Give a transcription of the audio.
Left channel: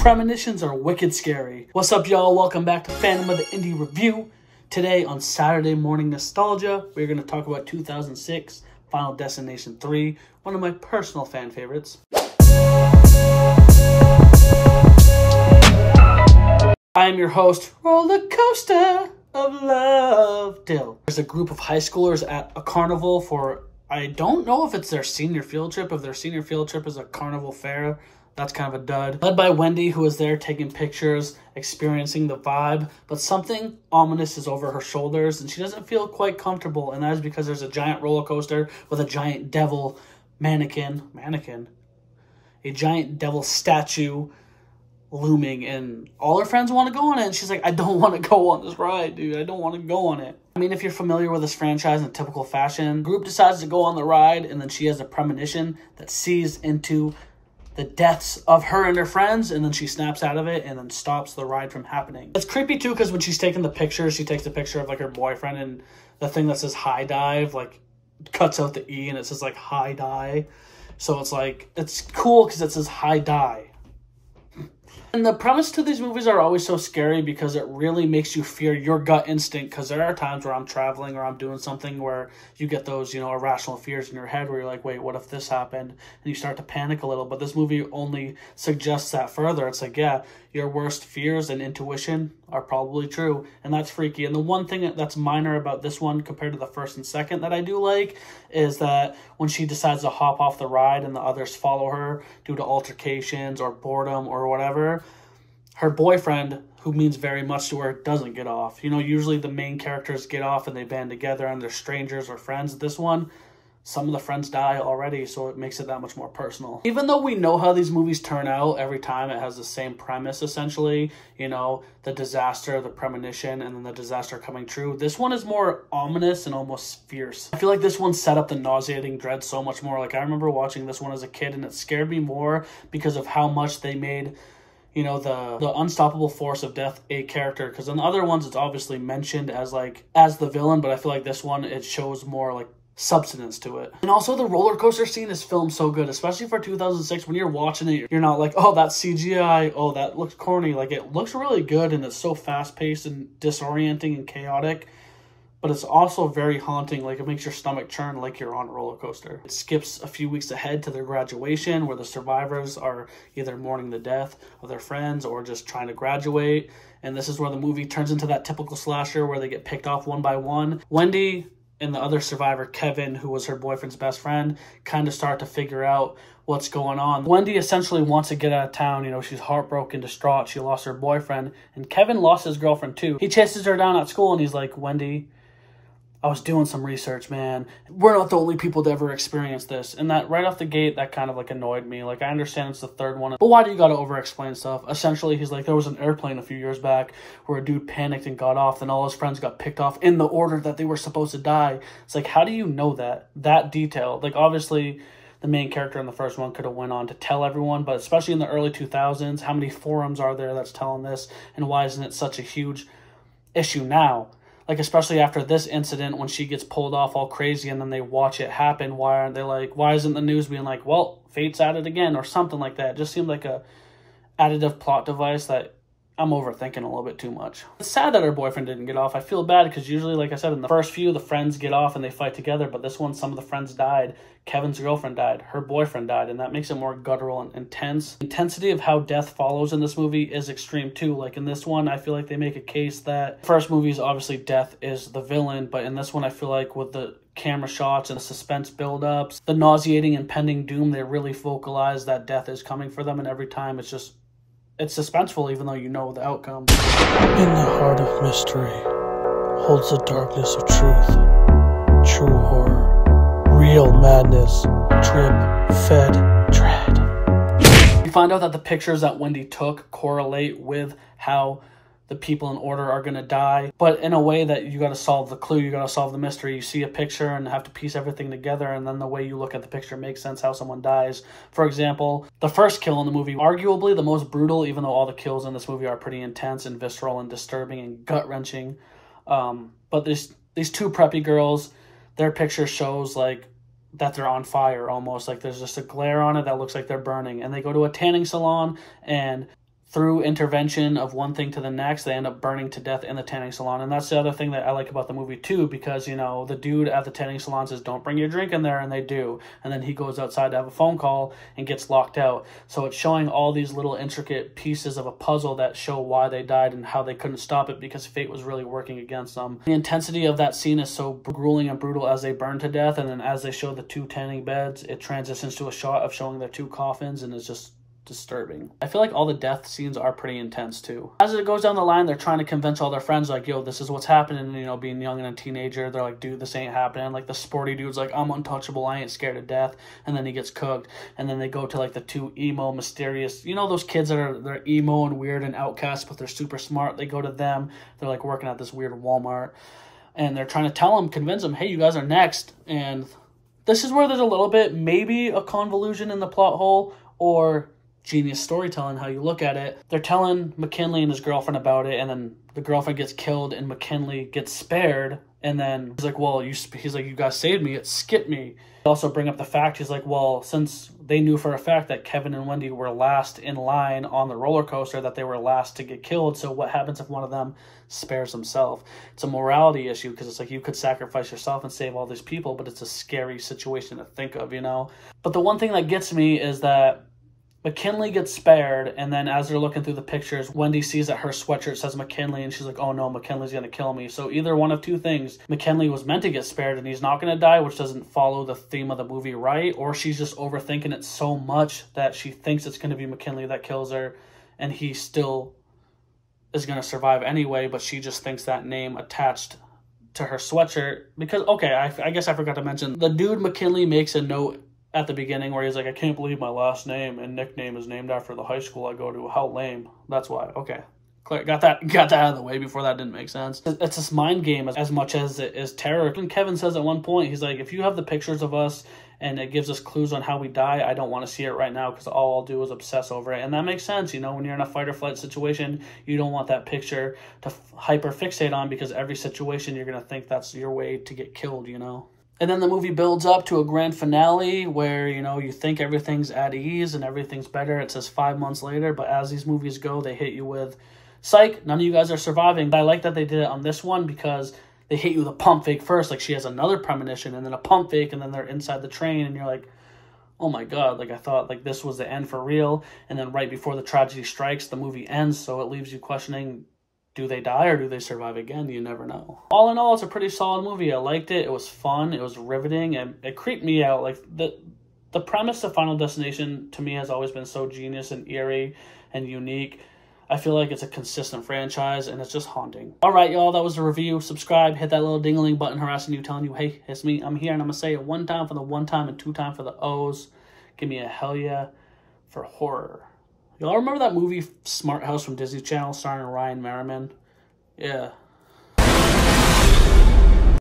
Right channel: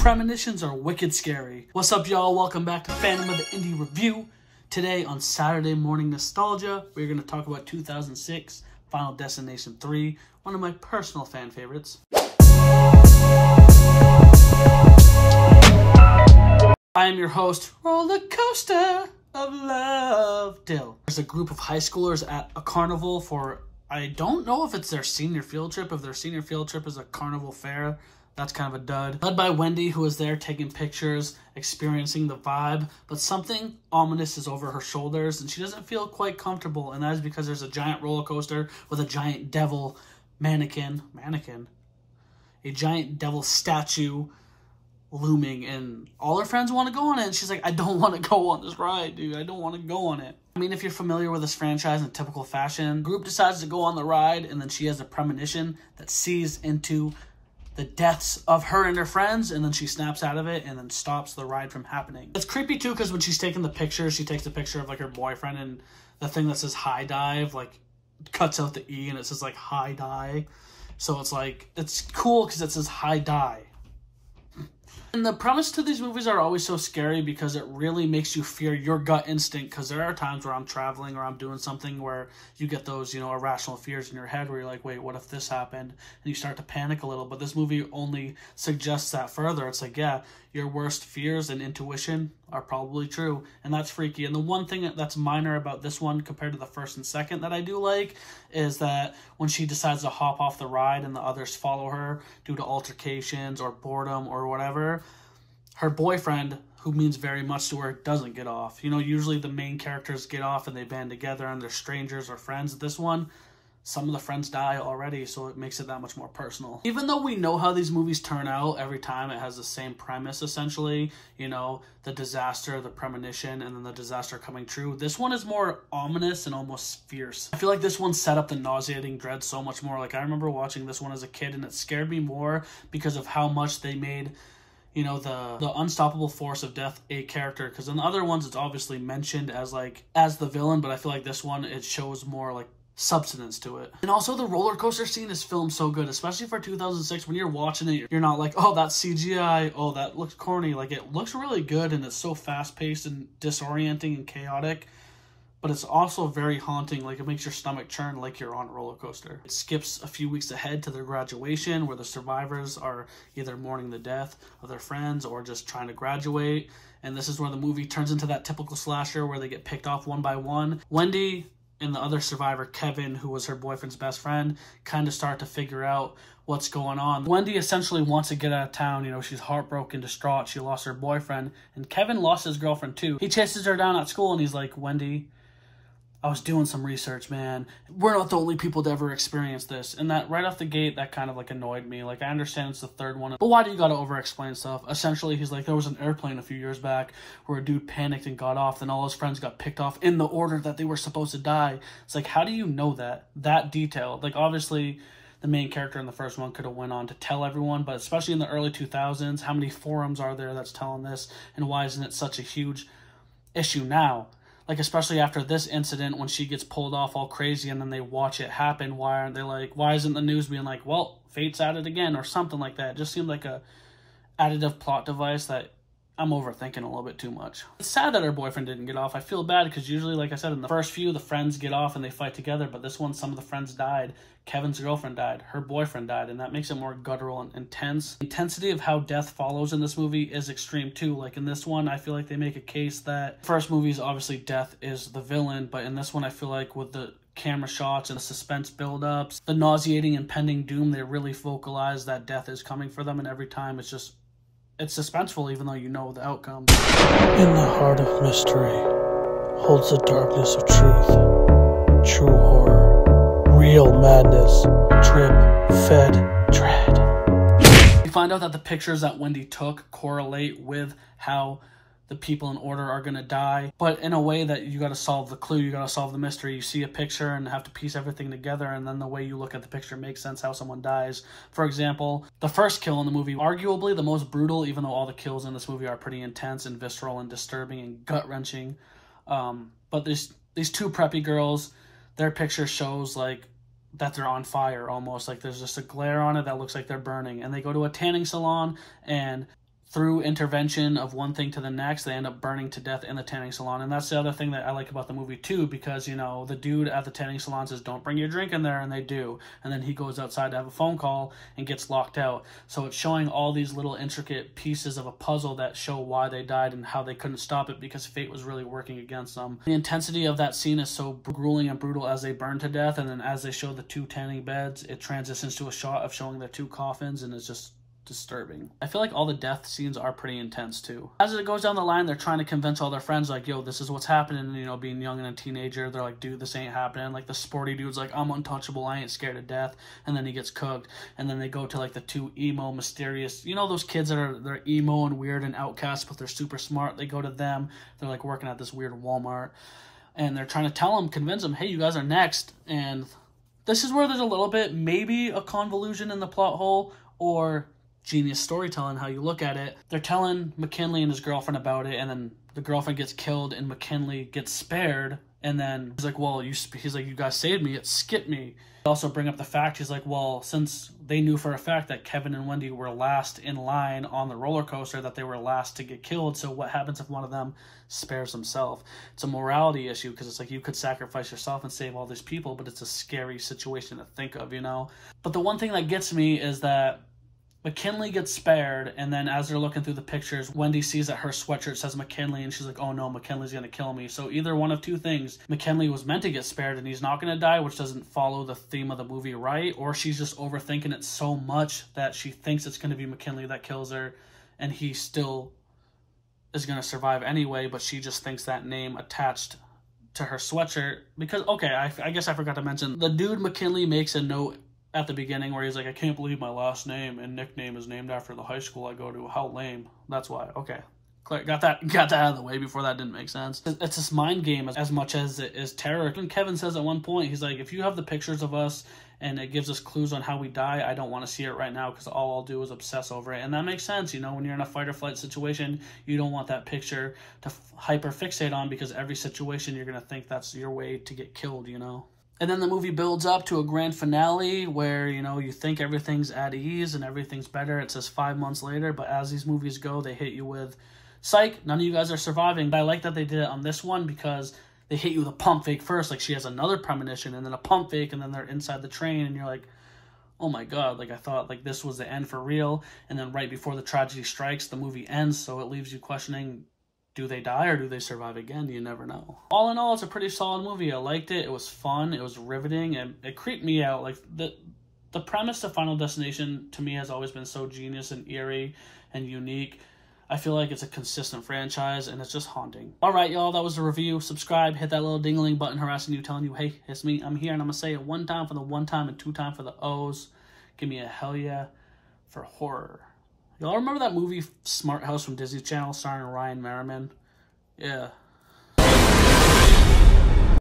Premonitions are wicked scary. What's up, y'all? Welcome back to Phantom of the Indie Review. Today on Saturday Morning Nostalgia, we're going to talk about 2006 Final Destination 3, one of my personal fan favorites. I am your host, Roller Coaster of Love, Dill. There's a group of high schoolers at a carnival for, I don't know if it's their senior field trip. If their senior field trip is a carnival fair, that's kind of a dud. Led by Wendy, who is there taking pictures, experiencing the vibe, but something ominous is over her shoulders and she doesn't feel quite comfortable, and that is because there's a giant roller coaster with a giant devil a giant devil statue looming, and all her friends want to go on it, and she's like, I don't want to go on this ride, dude. I don't want to go on it. I mean, if you're familiar with this franchise in typical fashion, the group decides to go on the ride, and then she has a premonition that sees into the deaths of her and her friends, and then she snaps out of it and then stops the ride from happening. It's creepy too, because when she's taking the picture, she takes the picture of like her boyfriend, and the thing that says high dive like cuts out the E and it says like high die. So it's like, it's cool because it says high die. And the premise to these movies are always so scary because it really makes you fear your gut instinct, because there are times where I'm traveling or I'm doing something where you get those, irrational fears in your head where you're like, wait, what if this happened? And you start to panic a little. But this movie only suggests that further. It's like, yeah, your worst fears and intuition are probably true. And that's freaky. And the one thing that's minor about this one compared to the first and second that I do like is that when she decides to hop off the ride and the others follow her due to altercations or boredom or whatever, her boyfriend, who means very much to her, doesn't get off. Usually the main characters get off and they band together and they're strangers or friends. This one, some of the friends die already, so it makes it that much more personal. Even though we know how these movies turn out, every time it has the same premise, essentially. The disaster, the premonition, and then the disaster coming true. This one is more ominous and almost fierce. I feel like this one set up the nauseating dread so much more. Like, I remember watching this one as a kid, and it scared me more because of how much they made the unstoppable force of death a character. Because in the other ones, it's obviously mentioned as the villain, but I feel like this one, it shows more like substance to it. And also the roller coaster scene is filmed so good, especially for 2006. When you're watching it, you're not like, oh, that's CGI, oh, that looks corny. Like, it looks really good, and it's so fast-paced and disorienting and chaotic, but it's also very haunting. Like, it makes your stomach churn like you're on a roller coaster. It skips a few weeks ahead to their graduation, where the survivors are either mourning the death of their friends or just trying to graduate. And this is where the movie turns into that typical slasher where they get picked off one by one. Wendy and the other survivor, Kevin, who was her boyfriend's best friend, kind of start to figure out what's going on. Wendy essentially wants to get out of town. She's heartbroken, distraught. She lost her boyfriend, and Kevin lost his girlfriend too. He chases her down at school and he's like, Wendy, I was doing some research, man. We're not the only people to ever experience this. And that right off the gate, that kind of like annoyed me. Like, I understand it's the third one, but why do you gotta over-explain stuff? Essentially, he's like, there was an airplane a few years back where a dude panicked and got off, and all his friends got picked off in the order that they were supposed to die. It's like, how do you know that detail? Like, obviously, the main character in the first one could have went on to tell everyone, but especially in the early 2000s, how many forums are there that's telling this, and why isn't it such a huge issue now? Like, especially after this incident, when she gets pulled off all crazy and then they watch it happen, why aren't they like, why isn't the news being like, well, fate's at it again or something like that? It just seemed like a additive plot device that I'm overthinking a little bit too much. It's sad that her boyfriend didn't get off. I feel bad because usually, like I said, in the first few, the friends get off and they fight together, but this one, some of the friends died. Kevin's girlfriend died, her boyfriend died, and that makes it more guttural and intense. The intensity of how death follows in this movie is extreme too. Like, in this one, I feel like they make a case that first movie is obviously death is the villain, but in this one, I feel like with the camera shots and the suspense buildups, the nauseating impending doom, they really vocalize that death is coming for them, and every time it's suspenseful even though you know the outcome. In the heart of mystery holds the darkness of truth, true horror, real madness, drip, fed, dread. You find out that the pictures that Wendy took correlate with how the people in order are gonna die, but in a way that you gotta solve the clue, you gotta solve the mystery. You see a picture and have to piece everything together, and then the way you look at the picture makes sense how someone dies. For example, the first kill in the movie, arguably the most brutal, even though all the kills in this movie are pretty intense and visceral and disturbing and gut-wrenching. But these two preppy girls, their picture shows like that they're on fire almost. Like, there's just a glare on it that looks like they're burning. And they go to a tanning salon, and through intervention of one thing to the next, they end up burning to death in the tanning salon. And that's the other thing that I like about the movie too, because, you know, the dude at the tanning salon says, don't bring your drink in there, and they do. And then he goes outside to have a phone call and gets locked out. So it's showing all these little intricate pieces of a puzzle that show why they died and how they couldn't stop it because fate was really working against them. The intensity of that scene is so grueling and brutal as they burn to death, and then as they show the 2 tanning beds, it transitions to a shot of showing their 2 coffins, and it's just disturbing. I feel like all the death scenes are pretty intense too. As it goes down the line, they're trying to convince all their friends, like, yo, this is what's happening. You know, being young and a teenager, they're like, dude, this ain't happening. Like, the sporty dude's like, I'm untouchable, I ain't scared of death. And then he gets cooked. And then they go to like the 2 emo, mysterious, you know, those kids that are, they're emo and weird and outcast, but they're super smart. They go to them. They're like working at this weird Walmart. And they're trying to tell them, convince them, hey, you guys are next. And this is where there's a little bit, maybe a convolution in the plot hole, or genius storytelling, how you look at it. They're telling McKinley and his girlfriend about it, and then the girlfriend gets killed and McKinley gets spared. And then he's like, well, he's like, you guys saved me, it skipped me. They also bring up the fact, he's like, well, since they knew for a fact that Kevin and Wendy were last in line on the roller coaster, that they were last to get killed, so what happens if one of them spares himself? It's a morality issue, because it's like, you could sacrifice yourself and save all these people, but it's a scary situation to think of, you know? But the one thing that gets me is that McKinley gets spared, and then as they're looking through the pictures, Wendy sees that her sweatshirt says McKinley, and she's like, oh no, McKinley's gonna kill me. So either one of 2 things. McKinley was meant to get spared and he's not gonna die, which doesn't follow the theme of the movie right, or she's just overthinking it so much that she thinks it's gonna be McKinley that kills her, and he still is gonna survive anyway, but she just thinks that name attached to her sweatshirt. Because, okay, I guess I forgot to mention, the dude McKinley makes a note at the beginning where he's like, I can't believe my last name and nickname is named after the high school I go to. How lame. That's why. Okay. Got that out of the way before that didn't make sense. It's this mind game as much as it is terror. And Kevin says at one point, he's like, if you have the pictures of us and it gives us clues on how we die, I don't want to see it right now because all I'll do is obsess over it. And that makes sense. You know, when you're in a fight or flight situation, you don't want that picture to hyper fixate on, because every situation you're going to think that's your way to get killed, you know? And then the movie builds up to a grand finale where, you know, you think everything's at ease and everything's better. It says 5 months later, but as these movies go, they hit you with, psych, none of you guys are surviving. But I like that they did it on this one, because they hit you with a pump fake first. Like, she has another premonition and then a pump fake, and then they're inside the train and you're like, oh my God, like I thought like this was the end for real. And then right before the tragedy strikes, the movie ends. So it leaves you questioning, do they die or do they survive again? You never know. All in all, it's a pretty solid movie. I liked it. It was fun. It was riveting, and it creeped me out. Like, the premise of Final Destination to me has always been so genius and eerie and unique. I feel like it's a consistent franchise, and it's just haunting. All right, y'all, that was the review. Subscribe, hit that little ding-a-ling button harassing you, telling you, hey, it's me, I'm here, and I'm gonna say it 1 time for the 1 time and 2 time for the O's. Give me a hell yeah for horror. Y'all remember that movie Smart House from Disney Channel starring Ryan Merriman? Yeah.